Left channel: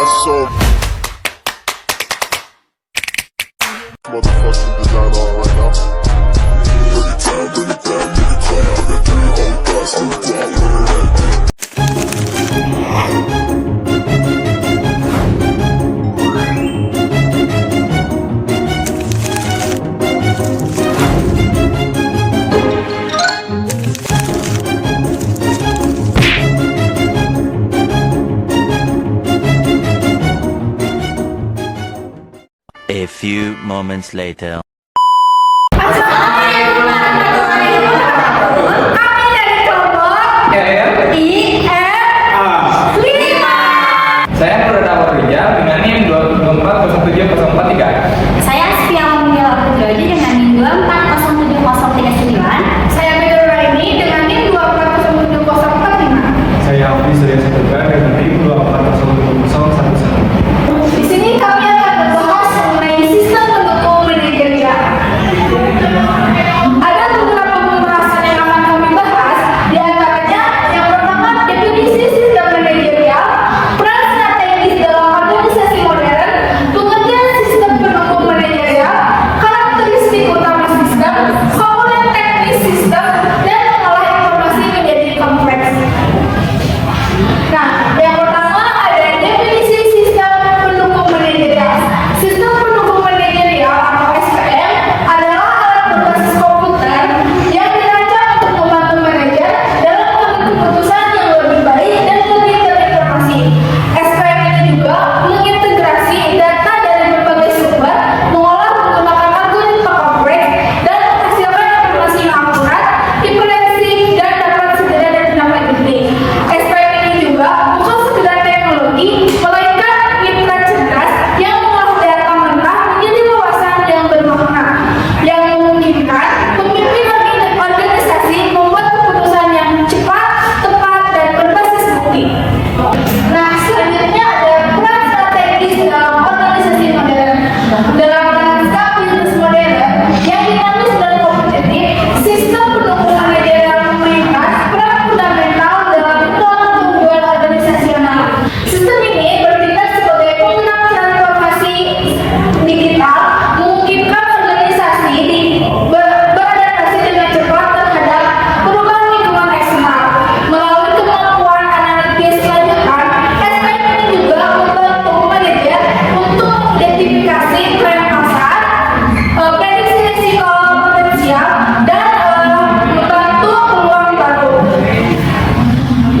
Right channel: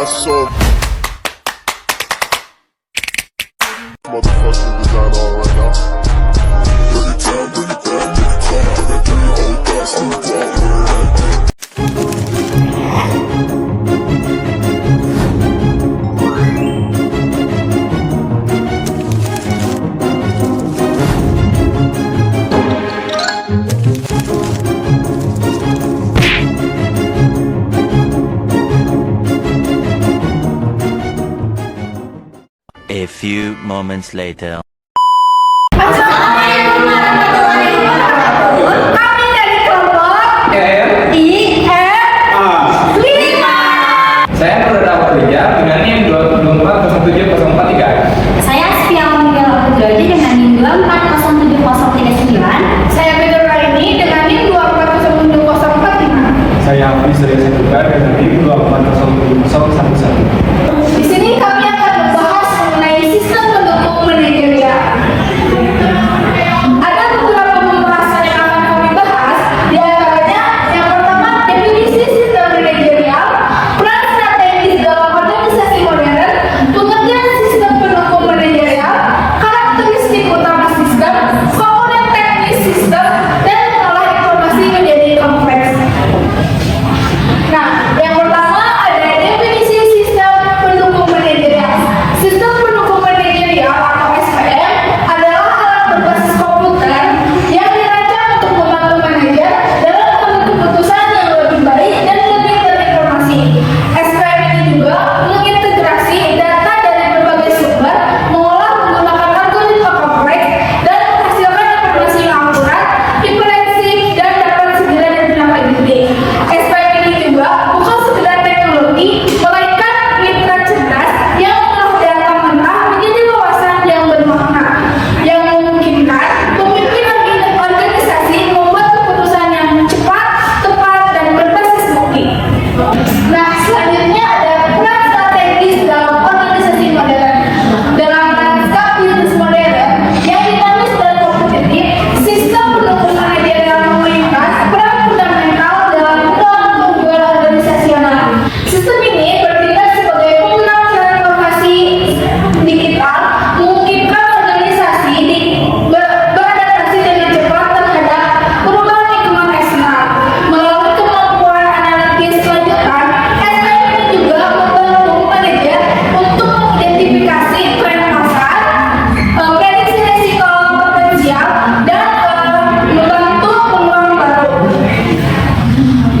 got some motherfucking design on right now. Bring it down, nigga, come. I got 3 old thoughts on the block. A few moments later. Assalamualaikum warahmatullahi wabarakatuh. Kami dari kelompok IF5. Saya Purnama Kerja dengan NIM 2407043. Saya Setia Mulia Putradi dengan NIM 2407039. Saya Fidul Raini dengan NIM 2407045. Saya Hafiz Surya Saputra dengan NIM 2407011. Di sini kami akan membahas mengenai sistem pendukung manajerial. Ada beberapa pembahasan yang akan kami bahas, di antaranya yang pertama definisi sistem manajerial, peran strategis dalam organisasi modern, pengertian sistem pendukung manajerial, karakteristik utama sistem, komponen teknis sistem, dan mengolah informasi menjadi kompleks. Nah, yang pertama ada definisi sistem pendukung manajerial. Sistem pendukung manajerial atau SPM adalah alat berbasis komputer yang dirancang untuk membantu manajer dalam mengambil keputusan yang lebih baik dan lebih terinformasi. SPM ini juga mengintegrasi data dari berbagai sumber, mengolah menggunakan algoritma kompleks, dan menghasilkan informasi yang akurat, komprehensif, dan dapat segera ditindaklanjuti. SPM ini juga bukan sekedar teknologi, melainkan mitra cerdas yang mengolah data mentah menjadi wawasan yang bermakna, yang memungkinkan pemimpin organisasi membuat keputusan yang cepat, tepat, dan berbasis bukti. Nah, selanjutnya ada peran strategis dalam organisasi modern. Dalam lanskap bisnis modern yang dinamis dan kompetitif, sistem pendukung manajerial memainkan peran fundamental dalam mendorong kemajuan organisasional. Sistem ini bertindak sebagai penguatan informasi digital, memungkinkan organisasi beradaptasi dengan cepat terhadap perubahan lingkungan eksternal. Melalui kemampuan analitis lanjutan, SPM ini juga membantu manajer untuk mengidentifikasi tren pasar, prediksi risiko potensial, dan membantu peluang baru.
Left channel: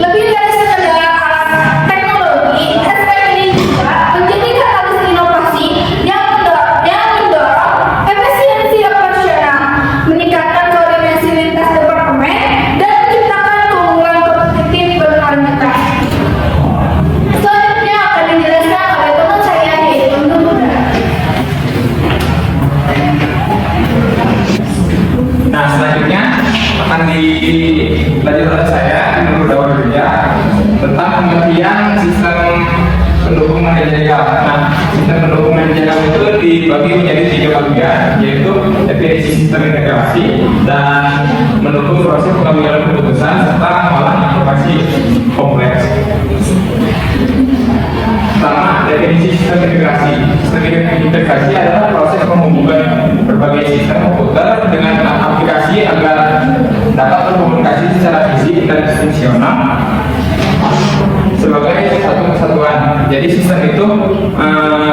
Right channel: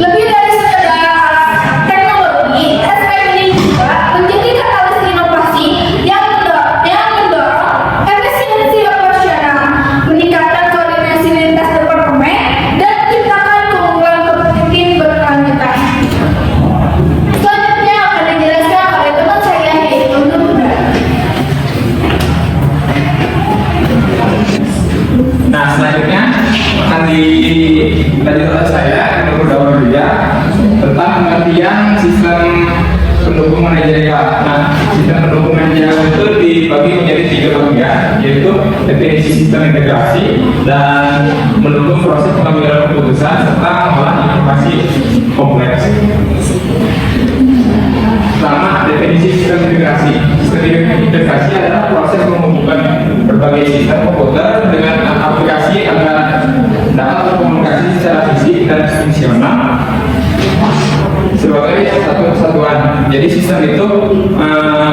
Lebih dari sekedar teknologi, SPM ini juga menjadi katalis inovasi yang mendorong efisiensi operasional, meningkatkan koordinasi lintas departemen, dan menciptakan keunggulan kompetitif berkualitas. Selanjutnya akan dijelaskan oleh teman saya yaitu Nur. Nah, selanjutnya akan dilanjutkan oleh saya Nur Dawar Kerja tentang pengertian sistem pendukung manajerial. Nah, sistem pendukung manajerial itu dibagi menjadi 3 bagian, yaitu definisi sistem integrasi dan mendukung proses pengambilan keputusan serta mengolah informasi kompleks. Pertama, definisi sistem integrasi. Sistem integrasi adalah proses menghubungkan berbagai sistem komputer dengan aplikasi agar dapat berkomunikasi secara fisik dan fungsional sebagai satu kesatuan. Jadi sistem itu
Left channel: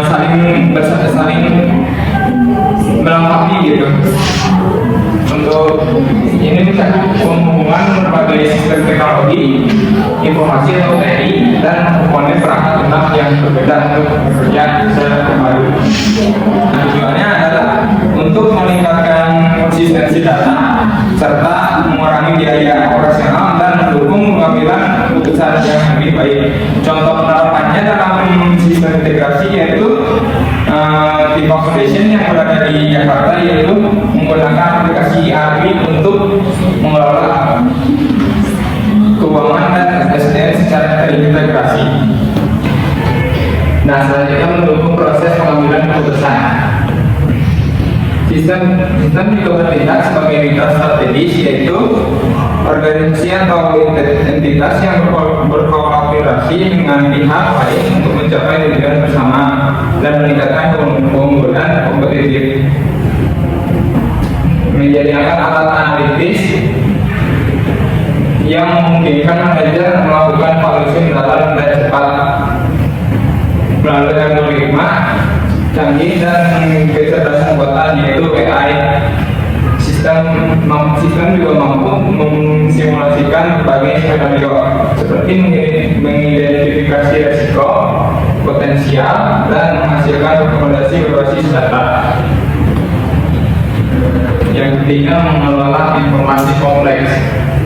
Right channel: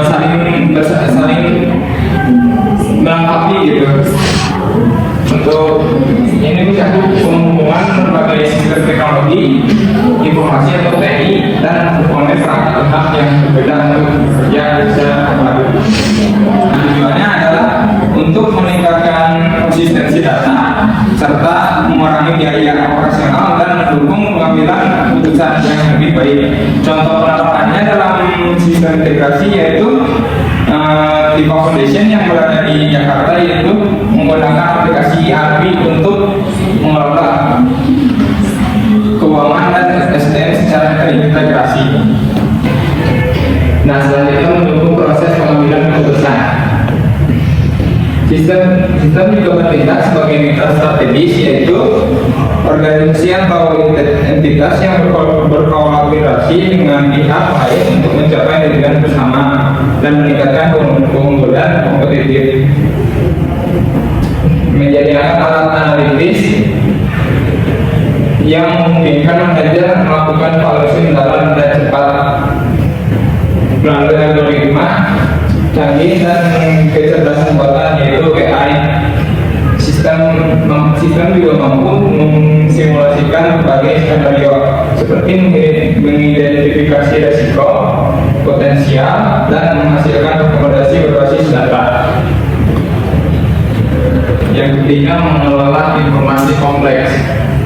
saling melengkapi gitu. Untuk ini mencakup penghubungan berbagai sistem teknologi, informasi atau TI, dan komponen perangkat yang berbeda untuk bekerja secara baru. Tujuannya adalah untuk meningkatkan konsistensi data serta mengurangi biaya operasional dan mendukung pengambilan keputusan yang lebih baik. Contoh penerapannya dalam sistem integrasi yaitu di Foundation yang berada di Jakarta, yaitu menggunakan aplikasi API untuk mengelola keuangan dan SDM secara terintegrasi. Nah, selanjutnya mendukung proses pengambilan keputusan. Sistem juga bertindak sebagai mitra strategis, yaitu organisasi atau entitas yang berkolaborasi berkolaborasi dengan pihak lain untuk mencapai tujuan bersama dan meningkatkan keunggulan kompetitif. Menyediakan alat analitis yang memungkinkan manajer melakukan valuasi mendalam dan cepat melalui algoritma canggih dan kecerdasan buatan yaitu AI. Sistem juga mampu mensimulasikan berbagai skenario seperti mengidentifikasi resiko potensial dan menghasilkan rekomendasi berbasis data. Yang ketiga, mengelola informasi kompleks.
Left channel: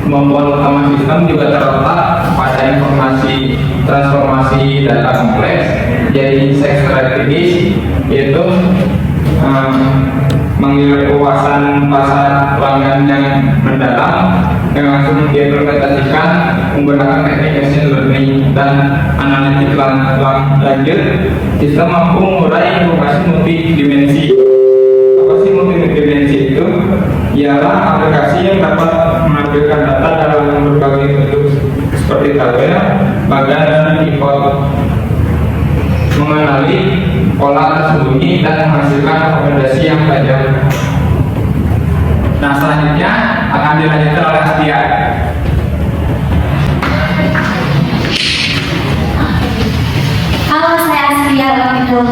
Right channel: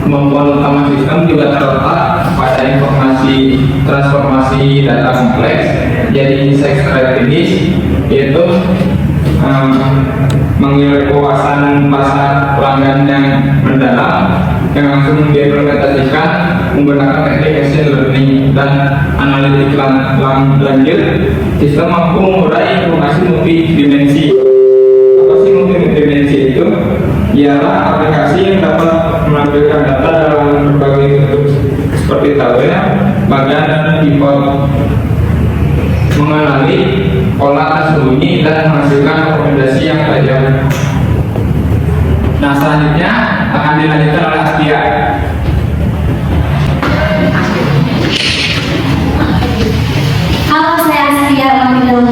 Kemampuan utama sistem juga terletak pada informasi transformasi data kompleks jadi insight strategis, yaitu mengevaluasi pasar pelanggan yang mendalam yang langsung diimplementasikan menggunakan teknik machine learning dan analitik lanjut. Sistem mampu mengurai informasi multidimensi. Apa sih multidimensi itu? Ialah aplikasi yang dapat menampilkan data dalam berbagai bentuk seperti tabel, bagan, dan pivot, mengenali pola tersembunyi dan menghasilkan rekomendasi yang tajam. Nah, selanjutnya akan dilanjutkan oleh Astia. Halo, saya Astia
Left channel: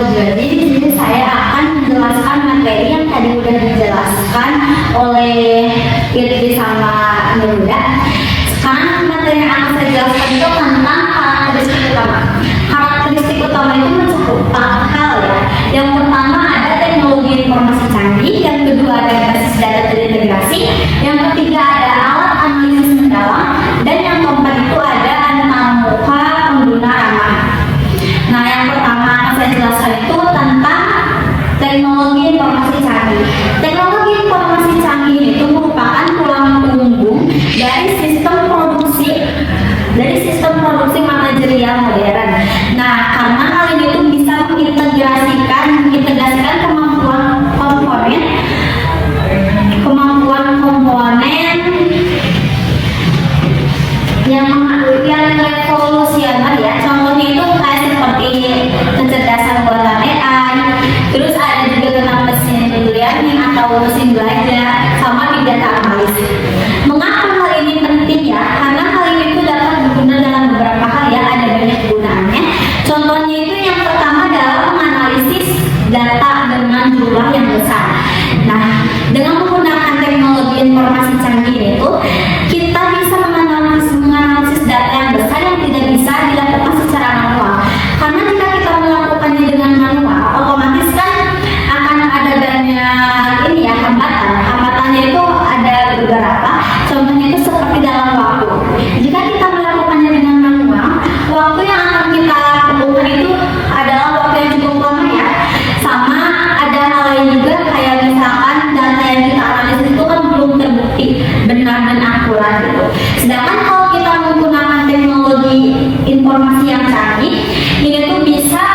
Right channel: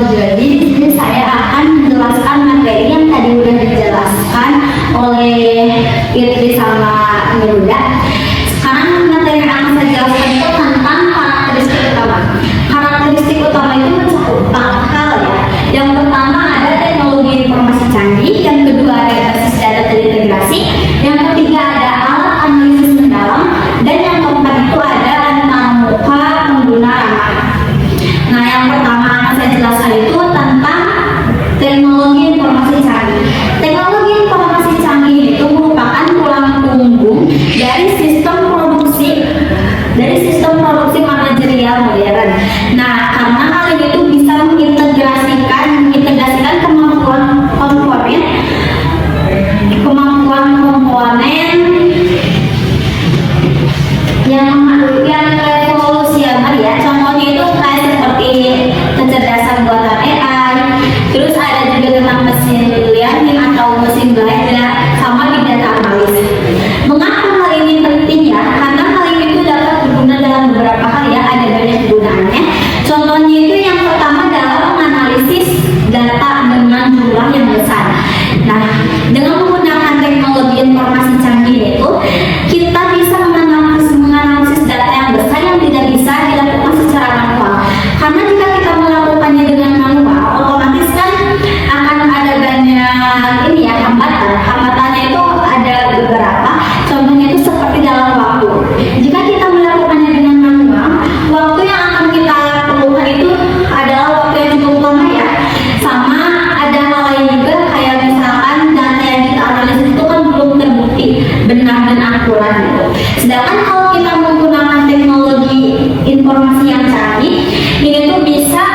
Jadi di sini saya akan menjelaskan materi yang tadi sudah dijelaskan oleh Irdi sama Nilda. Sekarang materi yang akan saya jelaskan itu tentang karakteristik utama. Karakteristik utama itu mencakup 4 hal ya. Yang pertama ada teknologi informasi canggih, yang kedua ada basis data terintegrasi, yang ketiga ada alat analisis mendalam, dan yang keempat itu ada antamuka pengguna ramah. Nah, yang pertama saya jelaskan itu tentang teknologi informasi canggih. Teknologi informasi canggih itu merupakan tulang punggung dari sistem produksi manajerial modern. Nah, karena hal ini itu bisa mengintegrasikan kemampuan komponen yang revolusioner ya. Contohnya itu kayak seperti kecerdasan buatan AI, terus ada juga tentang mesin learning atau mesin belajar, sama di data analis. Mengapa hal ini penting ya? Karena hal ini itu dapat berguna dalam beberapa hal ya, ada banyak gunanya. Contohnya itu yang pertama dalam menganalisis data dengan jumlah yang besar. Nah, dengan menggunakan teknologi informasi canggih itu, kita bisa menganalisis data yang besar yang tidak bisa dilakukan secara manual. Karena jika kita melakukannya dengan manual, otomatis kan akan ada banyak ini ya, hambatan. Hambatannya itu ada beberapa. Contohnya itu seperti dalam waktu. Jika kita melakukannya dengan manual, waktu yang akan kita lakukan itu adalah waktu yang cukup lama ya. Sama ada hal lain juga kayak misalkan data yang kita analisis itu kan belum terbukti benar dan akurat gitu. Sedangkan kalau kita menggunakan teknologi informasi yang canggih, ini tuh bisa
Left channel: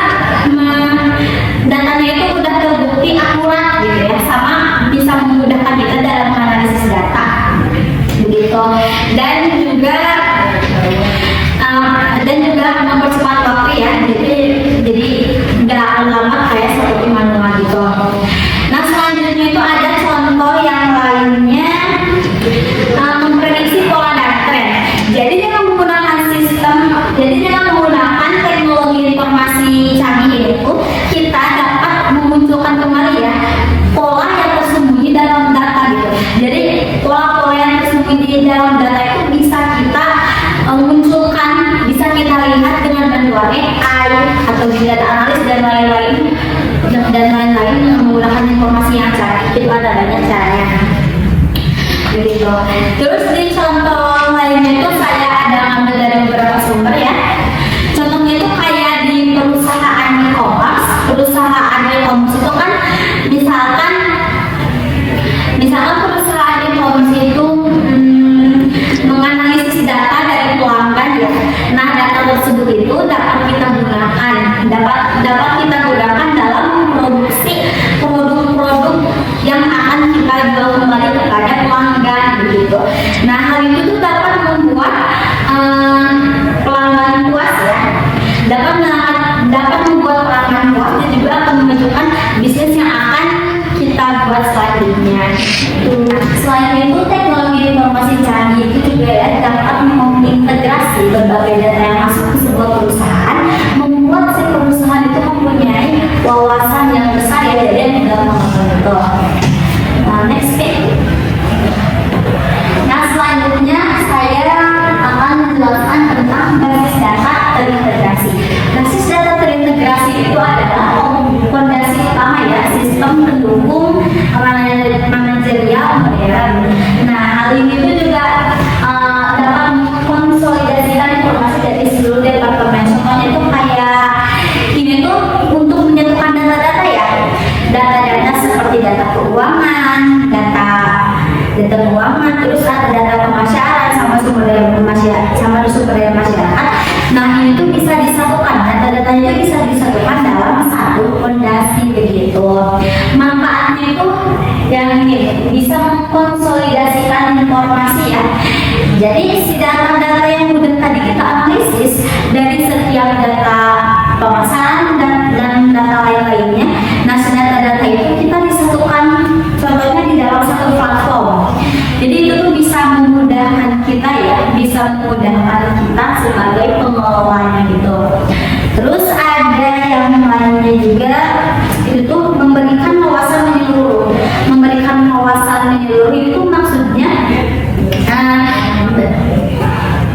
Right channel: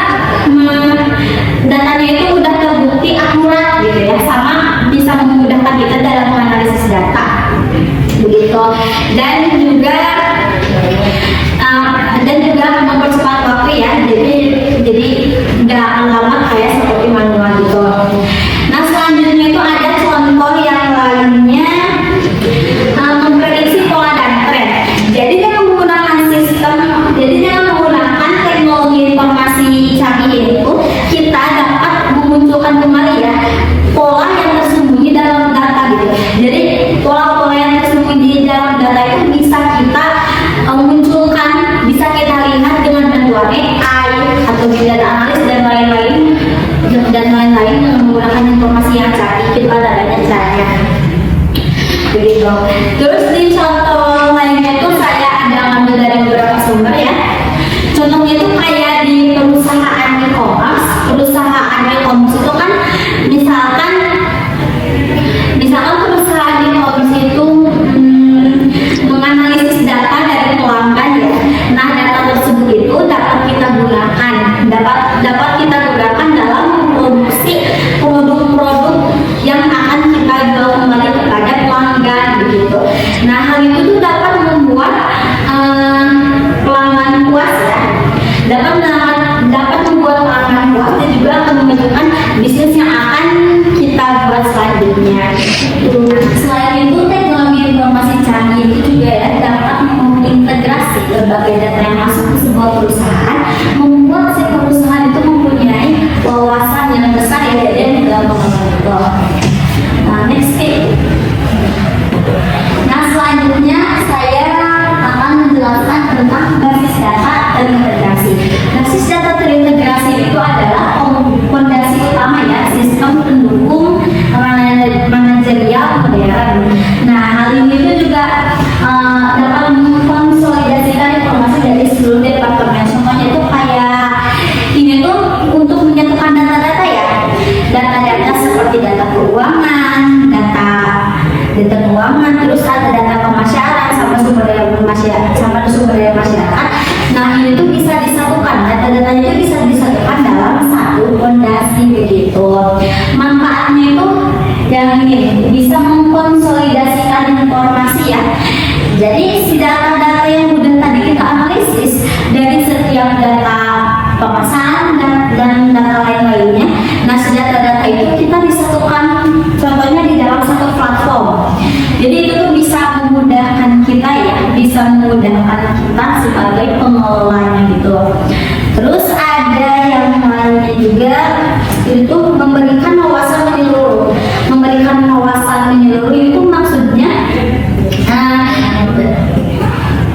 datanya itu udah terbukti akurat gitu ya, sama bisa memudahkan kita dalam menganalisis data begitu. Dan juga mempercepat waktu ya, jadi nggak akan lama kayak seperti manual gitu. Nah, selanjutnya itu ada contoh yang lainnya, memprediksi pola dan tren. Jadi dengan menggunakan teknologi informasi canggih itu, kita dapat memunculkan kembali ya pola yang tersembunyi dalam data gitu. Jadi pola-pola yang tersembunyi di dalam data itu bisa kita munculkan, bisa kita lihat dengan bantuan AI atau data analis dan lain-lain yang menggunakan informasi yang canggih. Itu ada banyak caranya begitu. Terus di contoh lainnya itu saya ada ambil dari beberapa sumber ya. Contohnya itu kayak di perusahaan e-commerce itu kan misalkan perusahaan e-commerce itu menganalisis data dari pelanggan ya. Nah, data tersebut itu dapat kita gunakan dalam produksi produk-produk yang akan kita jual kembali kepada pelanggan begitu. Nah, hal itu tuh dapat membuat pelanggan puas ya. menentukan bisnis yang akan kita buat selanjutnya. Selain itu, teknologi informasi canggih itu juga ya dapat mengintegrasi berbagai data yang masuk ke sebuah perusahaan, membuat si perusahaan itu mempunyai wawasan yang besar ya dan gampang itu. Nah, next slide. Nah, selanjutnya saya akan menjelaskan tentang basis data terintegrasi. Basis data terintegrasi itu adalah fondasi utama ya sistem pendukung manajerial modern. Nah, hal ini itu juga dapat mengkonsolidasikan informasi dari seluruh departemen. Semuanya itu kayak ini tuh untuk menyatukan data-data ya, data-data seperti data keuangan, data keuangan, terus ada data pemasaran sama sumber daya masyarakat. Nah, ini tuh bisa disatukan, data-data itu bisa disatukan dalam satu fondasi begitu. Manfaatnya itu yang ini bisa mengkonsolidasikan informasi ya. Jadi si data-data yang udah tadi kita analisis dari setiap data pemasaran dan data lain-lainnya. Nah, si data-data itu kita disatukan contohnya di dalam satu platform. Jadi itu tuh bisa memudahkan kita ya, bisa memudahkan kita sebagai pengelolanya gitu. Terus ada yang lainnya juga itu memberikan wawasan menyeluruh. Memberikan wawasan menyeluruh itu maksudnya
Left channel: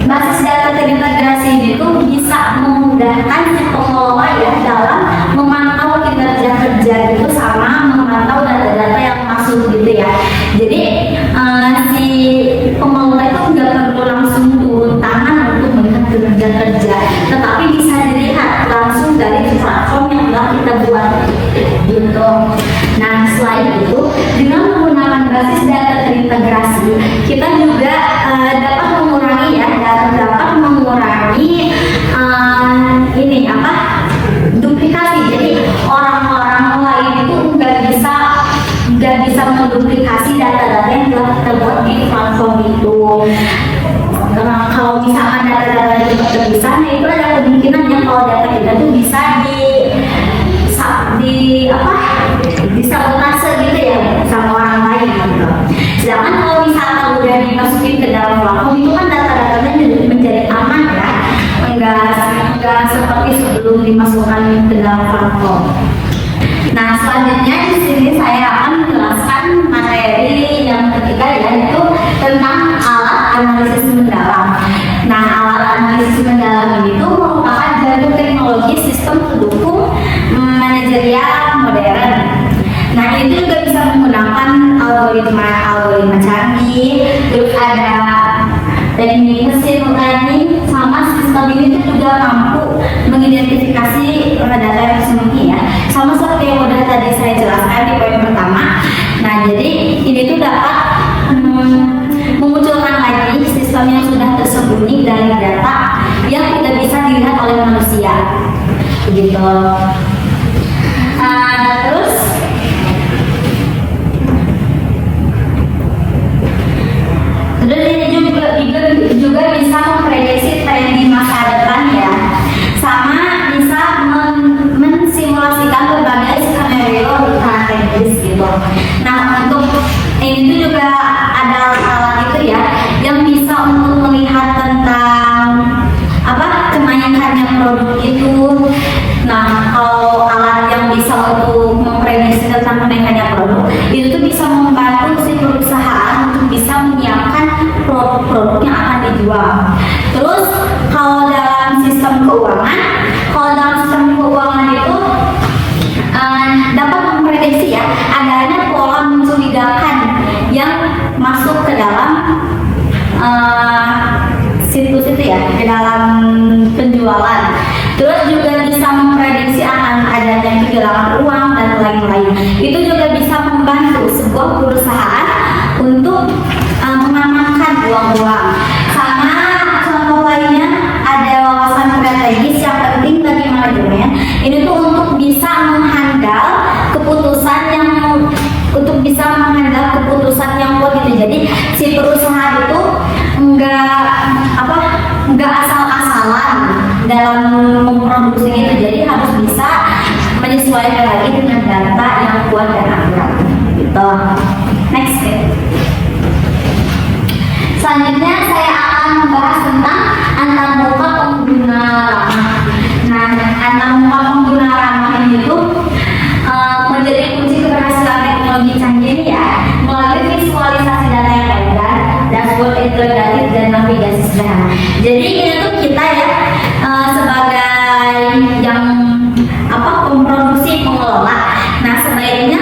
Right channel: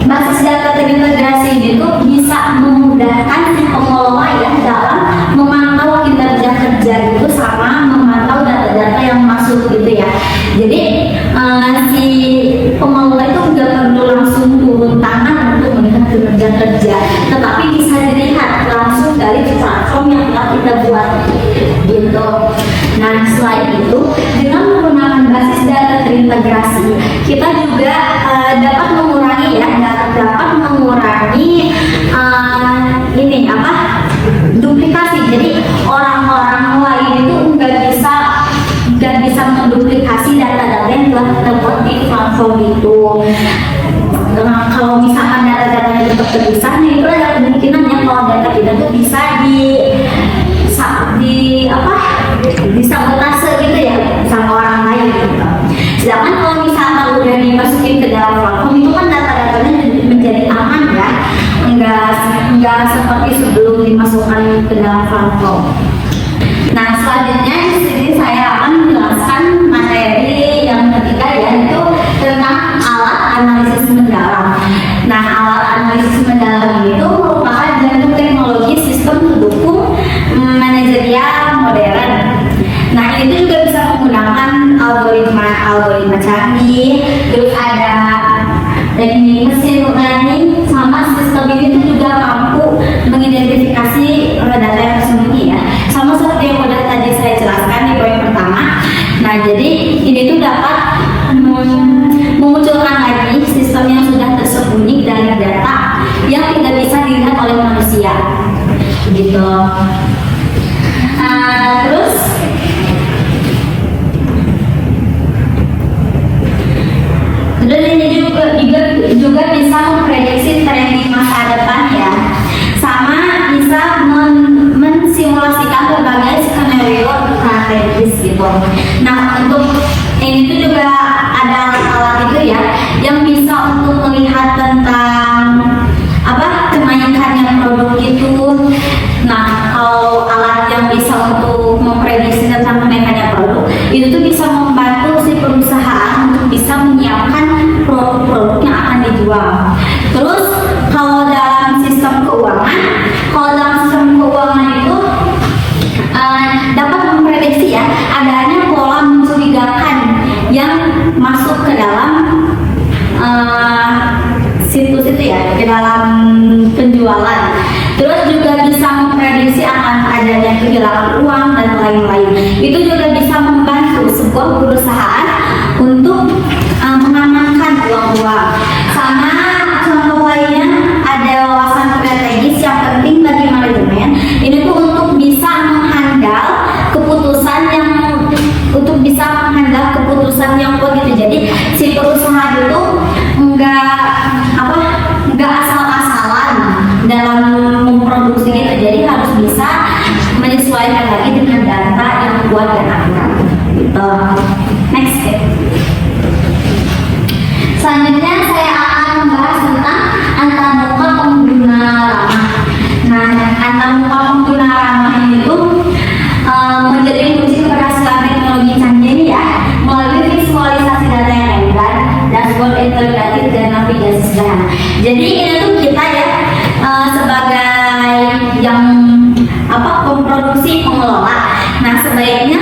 basis data terintegrasi itu bisa memudahkan si pengelola ya dalam memantau kinerja kerja itu sama memantau data-data yang masuk gitu ya. Jadi si pengelola itu nggak perlu langsung turun tangan untuk melihat kinerja kerja, tetapi bisa dilihat langsung dari platform yang telah kita buat gitu. Nah, selain itu dengan menggunakan basis data terintegrasi kita juga dapat mengurangi ini apa duplikasi. Jadi orang-orang lain itu nggak bisa menduplikasi data-data yang telah kita buat di platform itu. Nah, kalau misalkan data-data itu terpisah, nah itu ada kemungkinannya kalau data kita tuh bisa disabotase gitu ya sama orang lain gitu. Sedangkan kalau misalkan udah dimasukin ke dalam platform itu kan data-datanya menjadi aman ya, enggak seperti sebelum dimasukkan ke dalam platform. Nah, selanjutnya di sini saya akan menjelaskan materi yang ketiga yaitu tentang alat analisis mendalam. Nah, alat analisis mendalam itu merupakan suatu teknologi sistem pendukung manajerial modern. Nah, itu juga bisa menggunakan algoritma canggih, terus ada teknik mesin learning, sama sistem ini juga mampu mengidentifikasi data yang tersembunyi ya. Sama seperti yang udah tadi saya jelaskan di poin pertama. Nah, jadi ini tuh dapat memunculkan lagi sistem yang sudah tersembunyi dari data yang tidak bisa dilihat oleh manusia. Begitu. Terus ini juga bisa memprediksi tren di masa depan ya, sama bisa mensimulasikan berbagai skenario strategis gitu. Nah, untuk ini juga ada alat itu ya yang bisa untuk melihat tentang kenaikannya produk itu. Nah, kalau alat yang bisa untuk memprediksi tentang kenaikannya produk itu tuh bisa membantu si perusahaan untuk bisa menyiapkan produk-produk yang akan dijual. Terus kalau dalam sistem keuangan itu dapat memprediksi ya adanya pola mencurigakan yang masuk ke dalam situs itu ya, ke dalam penjualan. Terus juga bisa memprediksi akan adanya kehilangan uang dan lain-lain. Itu juga bisa membantu sebuah perusahaan untuk mengamankan uang-uang. Sama contoh lainnya ada wawasan strategis yang penting bagi manajemen. Ini tuh untuk bisa menghandle keputusan yang kuat gitu. Jadi si perusahaan itu nggak asal-asalan dalam memproduksi gitu. Jadi harus bisa menyesuaikan lagi dengan Jadi ini tuh kita ya sebagai yang memproduksi pengelola. Nah sebaiknya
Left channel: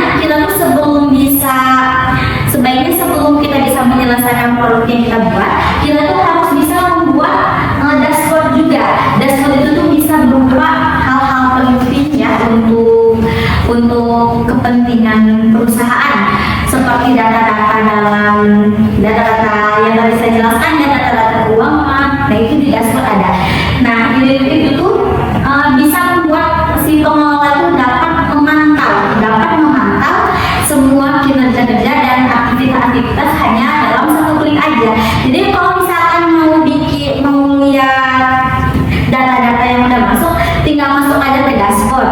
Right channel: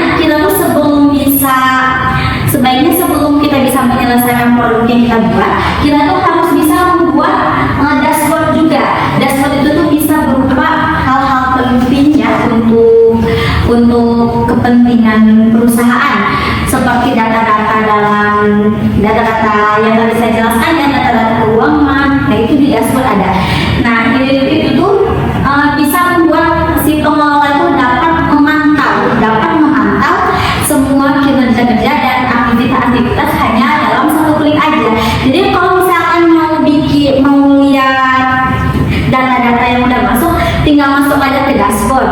sebelum kita bisa menyelesaikan produk yang kita buat, kita tuh harus bisa membuat dashboard juga. Dashboard itu tuh bisa berupa hal-hal penting ya untuk kepentingan perusahaan, seperti data-data yang tadi saya jelaskan, data-data keuangan. Nah itu di dashboard ada. Nah itu tuh bisa membuat si pengelola itu dapat memantau semua kinerja-kerja dan aktivitas hanya dalam satu klik aja. Jadi kalau misalkan mau lihat data-data yang udah masuk, tinggal masuk aja ke dashboard.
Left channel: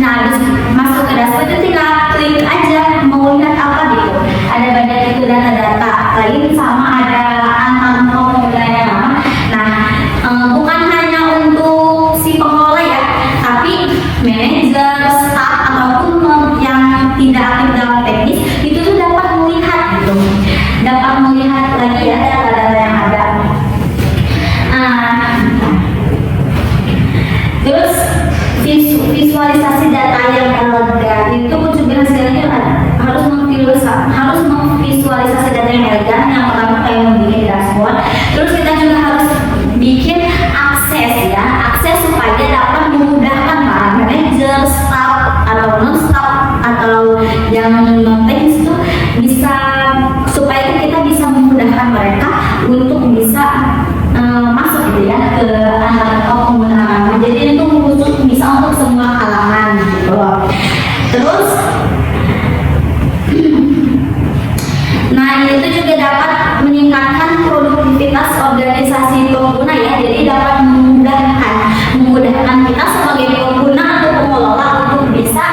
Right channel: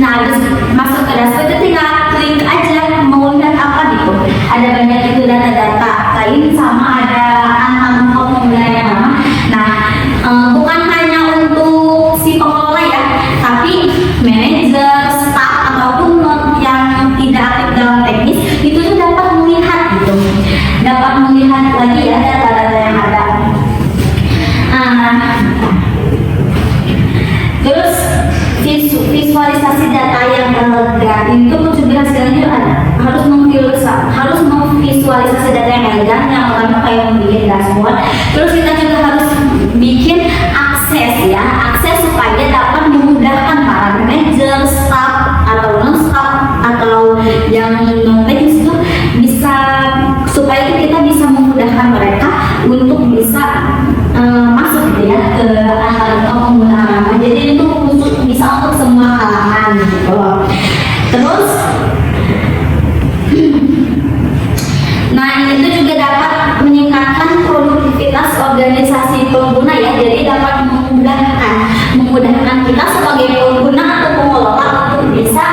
Nah habis masuk ke dashboard itu tinggal klik aja mau lihat apa gitu. Ada banyak itu data-data lain, sama ada angka formula yang lama. Nah bukan hanya untuk si pengelola ya, tapi manajer, staff ataupun yang tidak aktif dalam teknis itu tuh dapat melihat lagi ya data-data yang ada. Terus visualisasi data yang elegan itu juga hasilnya harus memvisualisasi data yang elegan, yang pertama kayak membuat dashboard. Terus kita juga harus bikin akses supaya dapat memudahkan para manajer, staff atau non-staff atau yang non-teknis itu bisa, supaya kita bisa memudahkan mereka untuk bisa masuk gitu ya ke penggunaan. Jadi itu bisa untuk semua kalangan gitu. Terus nah itu juga dapat meningkatkan produktivitas organisasi pengguna ya. Jadi dapat memudahkan kita sebagai pengguna atau pengelola untuk bisa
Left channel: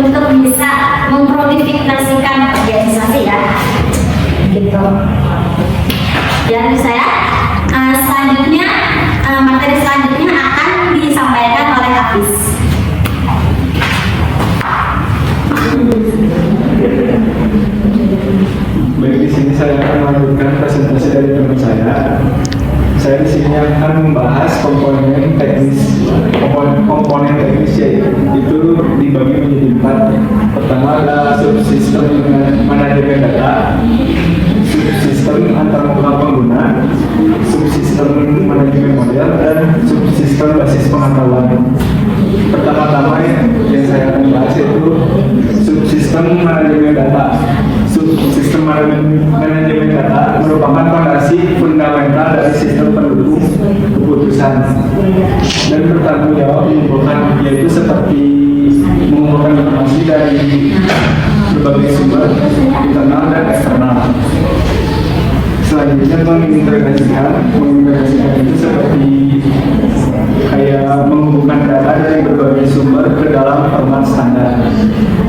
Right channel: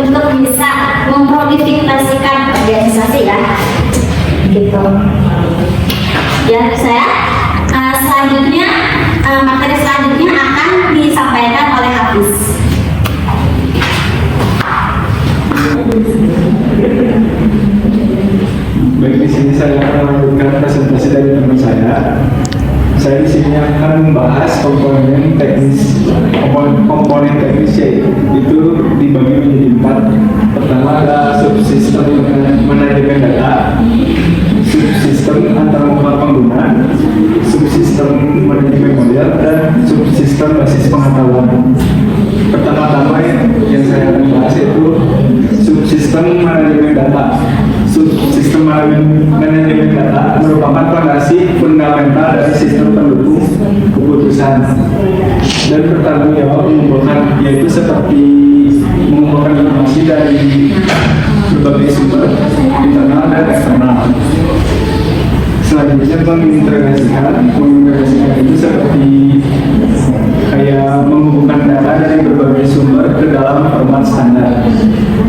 untuk bisa memproduktivitaskan organisasi ya, gitu. Dan saya selanjutnya materi selanjutnya akan disampaikan oleh Hafiz. Baik, di sini saya akan melanjutkan presentasi dari teman saya. Saya di sini akan membahas komponen teknis itu dibagi menjadi 4. Pertama ada subsistem manajemen data, subsistem antarmuka pengguna, subsistem manajemen model, dan subsistem basis pengetahuan. Pertama-tama yang saya akan bahas yaitu subsistem manajemen data. Subsistem manajemen data merupakan fondasi fundamental dari sistem pendukung keputusan dan bertanggung jawab mengumpulkan, yaitu seperti mengumpulkan informasi dari berbagai sumber internal dan eksternal. Selanjutnya mengintegrasikan itu seperti kayak menghubungkan data dari berbagai sumber ke dalam format standar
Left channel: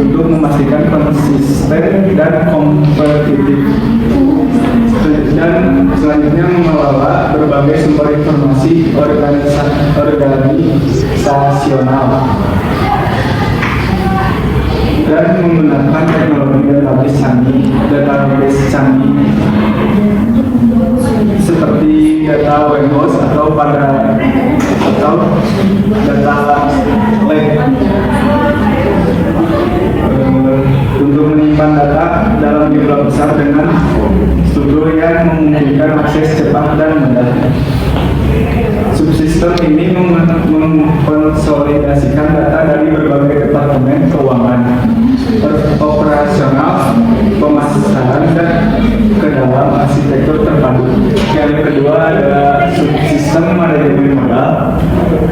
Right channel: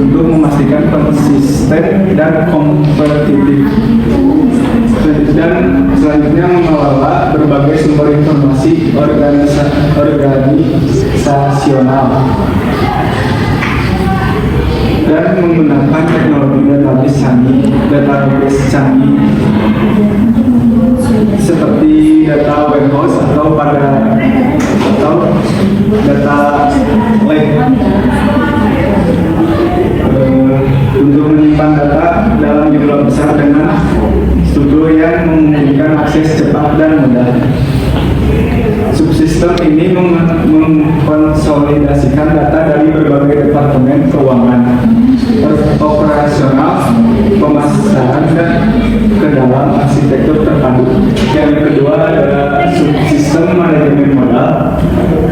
untuk memastikan konsisten dan kompetitif. Dan selanjutnya mengelola berbagai sumber informasi organisasional dan menggunakan teknologi database canggih seperti data warehouse atau data lake untuk menyimpan data dalam jumlah besar dengan struktur yang memungkinkan akses cepat dan mudah. Subsistem ini mengkonsolidasikan data dari berbagai departemen keuangan, operasional, pemasaran, dan ke dalam arsitektur terpadu. Yang kedua adalah subsistem manajemen modal.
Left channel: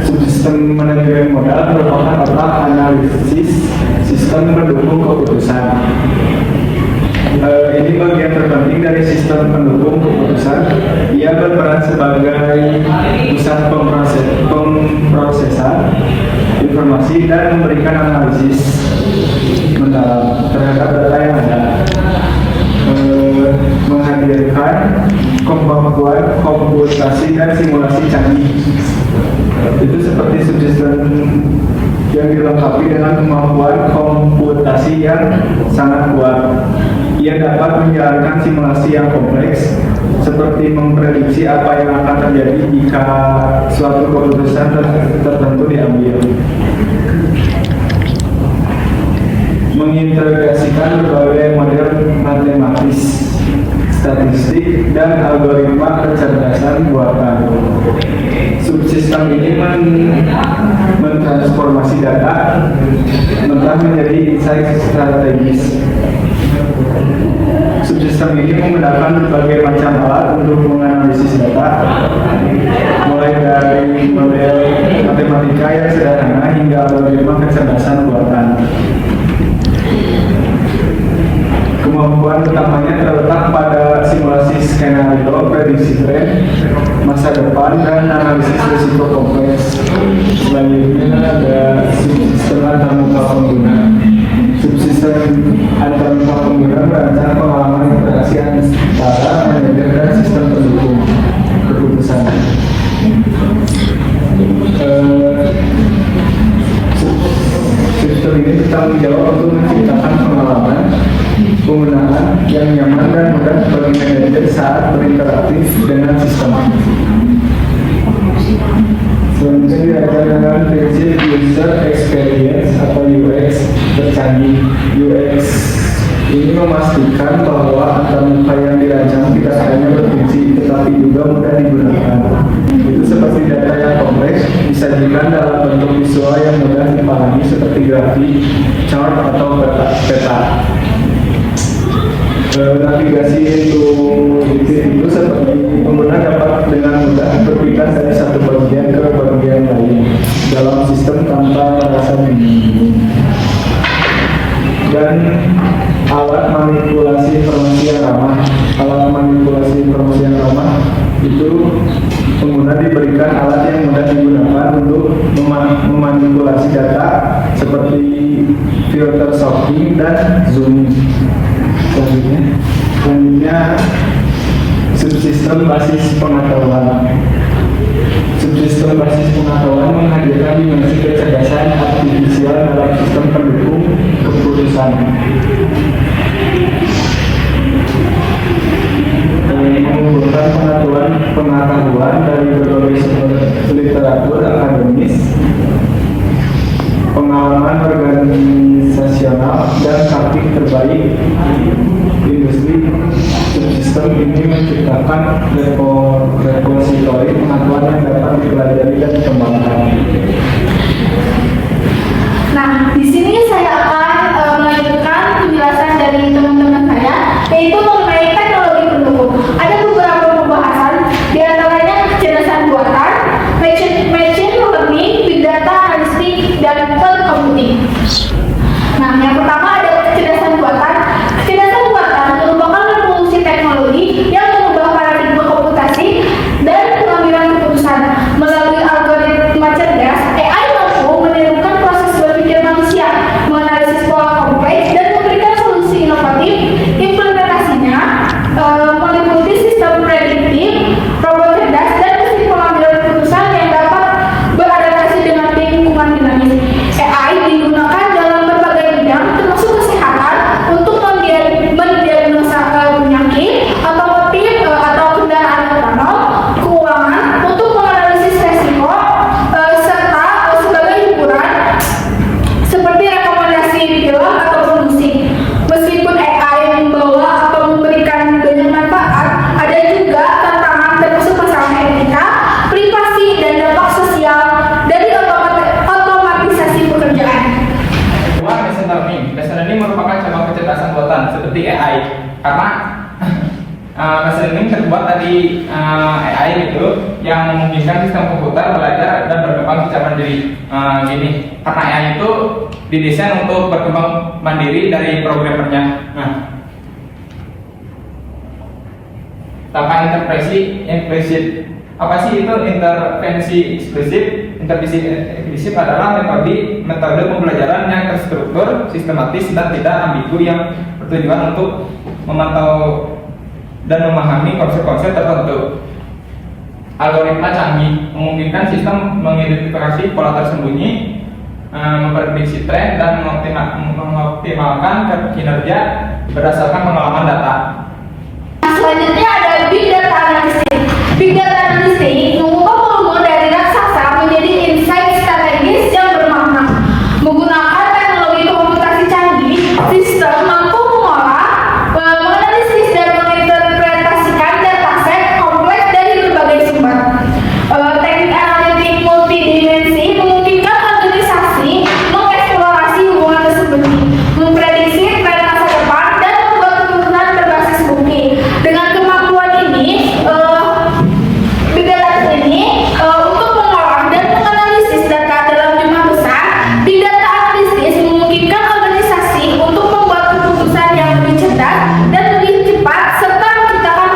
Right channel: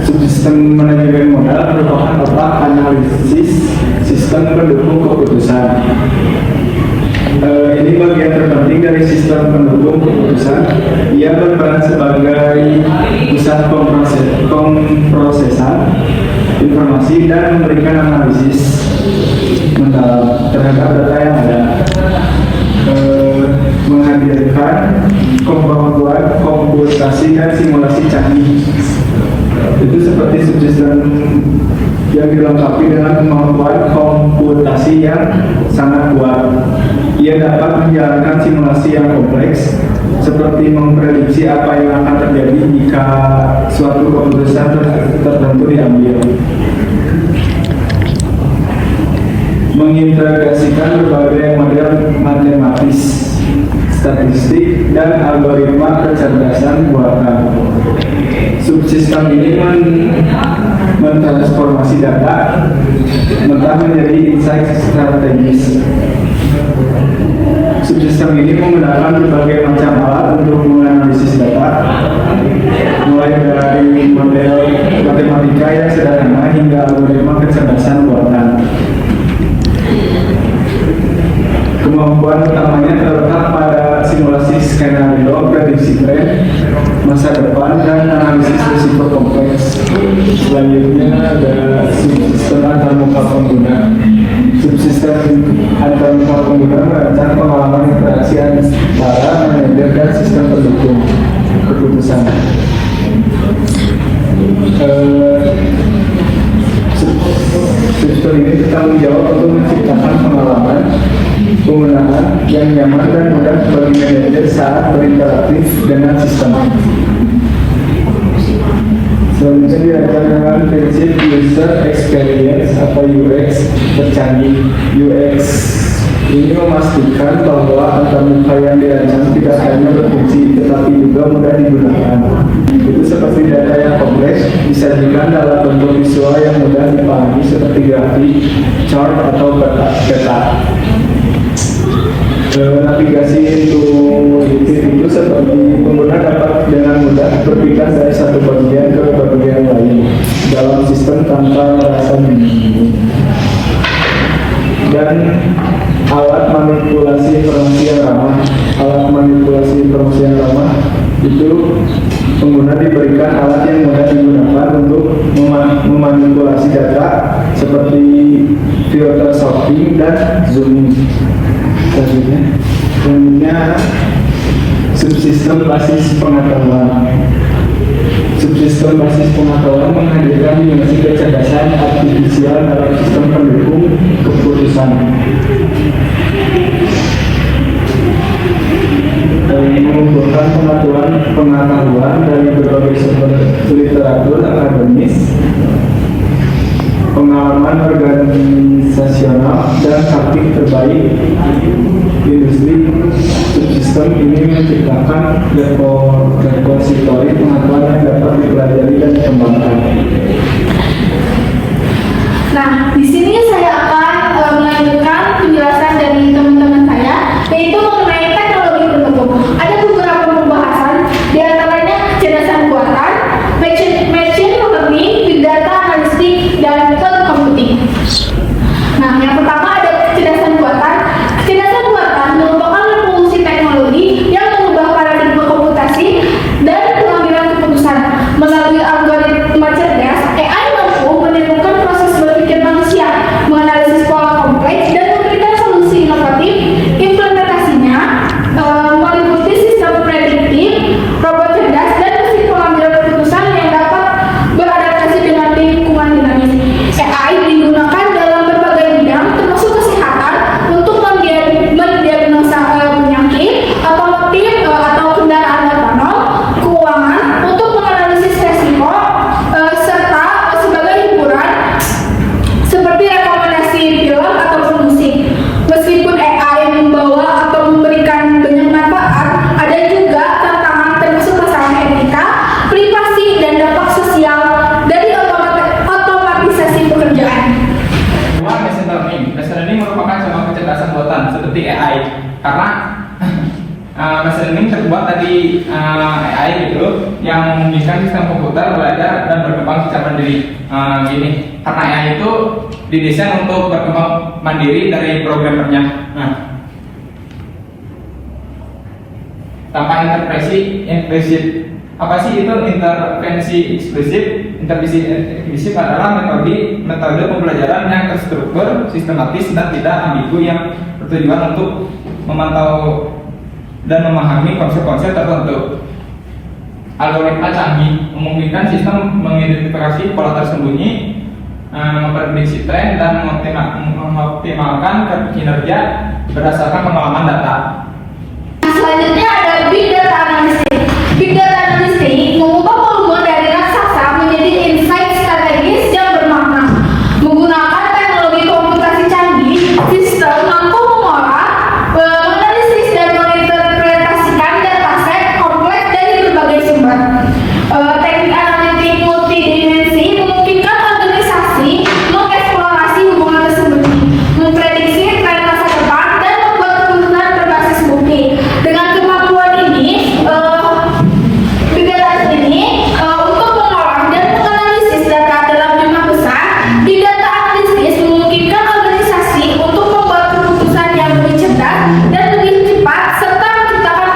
Subsistem manajemen modal merupakan otak analisis sistem pendukung keputusan. Ini bagian terpenting dari sistem pendukung keputusan. Ia berperan sebagai pusat pemrosesan informasi dan memberikan analisis mendalam terhadap data yang ada, menghadirkan kemampuan komputasi dan simulasi canggih. Itu seperti subsistem yang dilengkapi dengan kemampuan komputasi yang sangat kuat. Ia dapat menjalankan simulasi yang kompleks, seperti memprediksi apa yang akan terjadi jika suatu keputusan tertentu diambil. Mengintegrasikan berbagai model matematis, statistik, dan algoritma kecerdasan buatan. Subsistem ini mentransformasi data mentah menjadi insight strategis. Subsistem ini menggunakan berbagai macam alat untuk menganalisis data, mulai dari model matematika yang sederhana hingga algoritma kecerdasan buatan. Kemampuan utamanya terletak pada simulasi skenario, prediksi tren, masa depan, dan analisis risiko kompleks. Selanjutnya ada subsistem antarmuka pengguna. Subsistem antarmuka pengguna merancang pengalaman interaksi antara manajer dan sistem pendukung keputusan. Subsistem ini bertanggung jawab untuk menciptakan pengalaman penggunaan yang nyaman dan mudah bagi manajer saat berinteraktif dengan sistem. Selanjutnya dirancang dengan prinsip user experience atau UX tercanggih. UX ini memastikan bahwa antarmuka yang dirancang tidak hanya berfungsi tetapi juga mudah digunakan. Itu seperti data yang kompleks disajikan dalam bentuk visual yang mudah dipahami seperti grafik, chart, atau peta. Navigasi itu seperti pengguna dapat dengan mudah berpindah dari satu bagian ke bagian lain dalam sistem tanpa rasa bingung. Dan alat manipulasi informasi yang ramah. Alat manipulasi informasi yang ramah itu pengguna diberikan alat yang mudah digunakan untuk memanipulasi data seperti filter sorting dan zooming. Selanjutnya subsistem basis pengetahuan. Subsistem basis pengetahuan menghadirkan dimensi kecerdasan artifisial dalam sistem pendukung keputusan. Mengumpulkan pengetahuan dari berbagai sumber literatur akademis, pengalaman organisasional, dan praktik terbaik industri. Subsistem ini menciptakan repositori pengetahuan yang dapat dipelajari dan dikembangkan. Nah, di sini saya akan melanjutkan penjelasan dari teman-teman saya, yaitu mengenai teknologi pendukung. Ada beberapa pembahasan, di antaranya kecerdasan buatan, machine learning, big data analytics, dan cloud computing. Nah, yang pertama ada kecerdasan buatan. Kecerdasan buatan merupakan revolusi teknologi yang mengubah paradigma komputasi dan pengambilan keputusan. Melalui algoritma cerdas, AI mampu menirukan proses berpikir manusia, menganalisis pola kompleks, dan memberikan solusi inovatif. Implementasinya meliputi sistem prediktif, robot cerdas, dan mesin pengambilan keputusan yang dapat beradaptasi dengan lingkungan dinamis. AI digunakan dalam berbagai bidang, termasuk kesehatan, untuk mendiagnosa penyakit, otomotif atau kendaraan otonom, keuangan, untuk menganalisis resiko, serta sebagai hiburan, seperti rekomendasi film ataupun musik. Meskipun AI membawa atau memberikan banyak manfaat, ada juga tantangan termasuk masalah etika, privasi, dan dampak sosial dari otomatisasi pekerjaan. Machine learning merupakan contoh kecerdasan buatan seperti AI, karena machine learning terbuat dari AI itu yang memungkinkan sistem komputer belajar dan berkembang secara mandiri. Gini, karena AI itu didesain untuk berkembang mandiri dari programmernya. Nah, tanpa intervensi eksplisit. Apa sih itu intervensi eksplisit? Intervensi eksplisit adalah metode pembelajaran yang terstruktur, sistematis, dan tidak ambigu yang bertujuan untuk memantau dan memahami konsep-konsep tertentu. Algoritma canggih memungkinkan sistem mengidentifikasi pola tersembunyi, memprediksi tren, dan mengoptimalkan kinerja berdasarkan pengalaman data. Selanjutnya ada Big Data Analysis. Big Data Analysis ini mengubah volume dari raksasa menjadi insight strategis yang bermakna. Menggunakan teknologi komputasi canggih, sistem mampu mengolah, menganalisis dan menginterpretasikan dataset kompleks dari berbagai sumber. Teknik analitik multidimensi memungkinkan organisasi mengeksplorasi hubungan tersebut, memprediksi tren masa depan, dan membuat keputusan berbasis bukti. Dengan kemampuan ini, Big Data ini untuk mengolah dan menganalisis data dalam jumlah besar, Big Data Analysis memungkinkan organisasi untuk membuat keputusan yang lebih cerdas dan lebih cepat serta menciptakan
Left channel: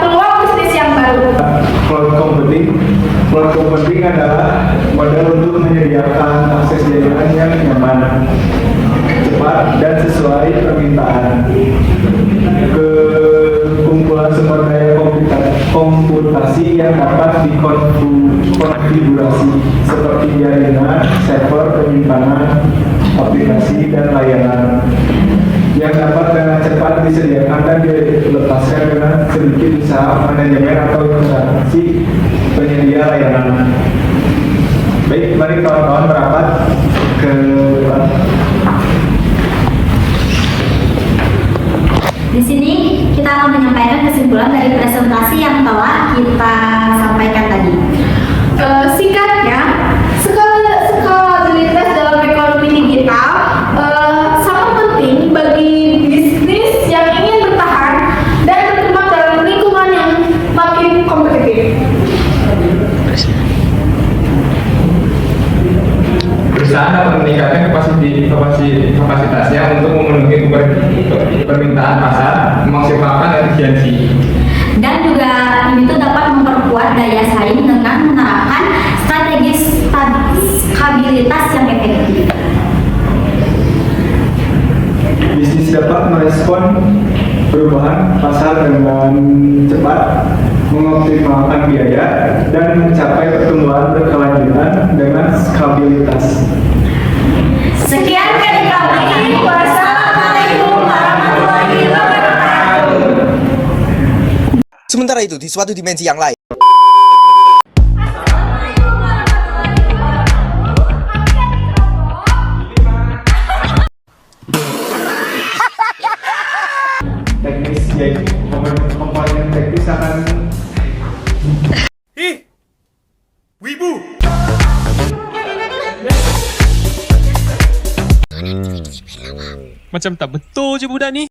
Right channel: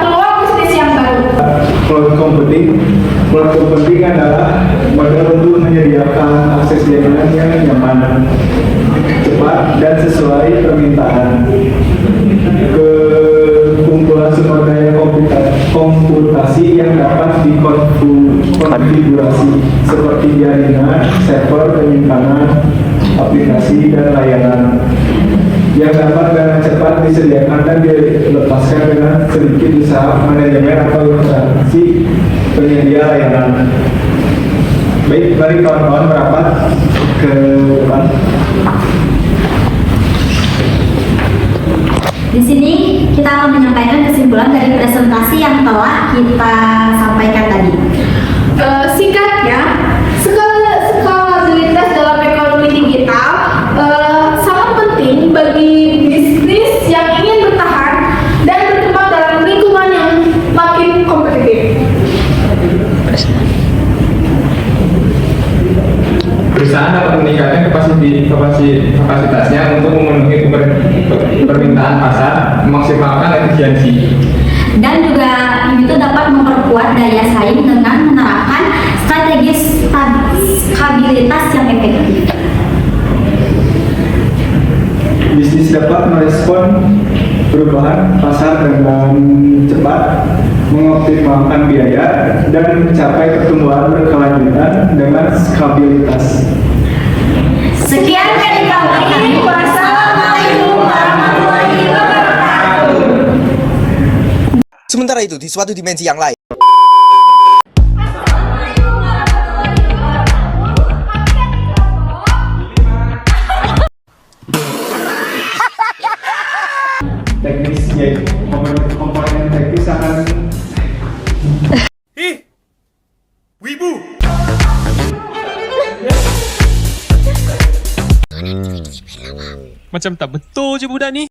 peluang bisnis yang baru. Cloud computing adalah model untuk menyediakan akses jaringan yang nyaman, cepat, dan sesuai permintaan. Kumpulan sumber daya komputasi yang dapat dikonfigurasi seperti jaringan, server, penyimpanan, aplikasi, dan layanan yang dapat dengan cepat disediakan dan dilepaskan dengan sedikit usaha manajemen atau instansi penyedia layanan. Baik, mari kawan-kawan merapat ke depan. Di sini kita akan menyampaikan kesimpulan dari presentasi yang telah kita sampaikan tadi. Singkatnya, skalabilitas dalam ekonomi digital sangat penting bagi bisnis yang ingin bertahan dan berkembang dalam lingkungan yang makin kompetitif. Perusahaan dapat meningkatkan kapasitasnya untuk memenuhi permintaan pasar, memaksimalkan efisiensi. Dan juga ini tuh dapat memperkuat daya saing dengan menerapkan strategi stabilitas yang efektif. Bisnis dapat merespon perubahan pasar dengan cepat, mengoptimalkan biaya, dan mencapai pertumbuhan berkelanjutan dengan stabilitas. Sekian dari kami. Wassalamualaikum warahmatullahi wabarakatuh. Sementara itu, di suatu dimensi yang lain, Teknis komponen teknis akan Macam tak betul je budak ni.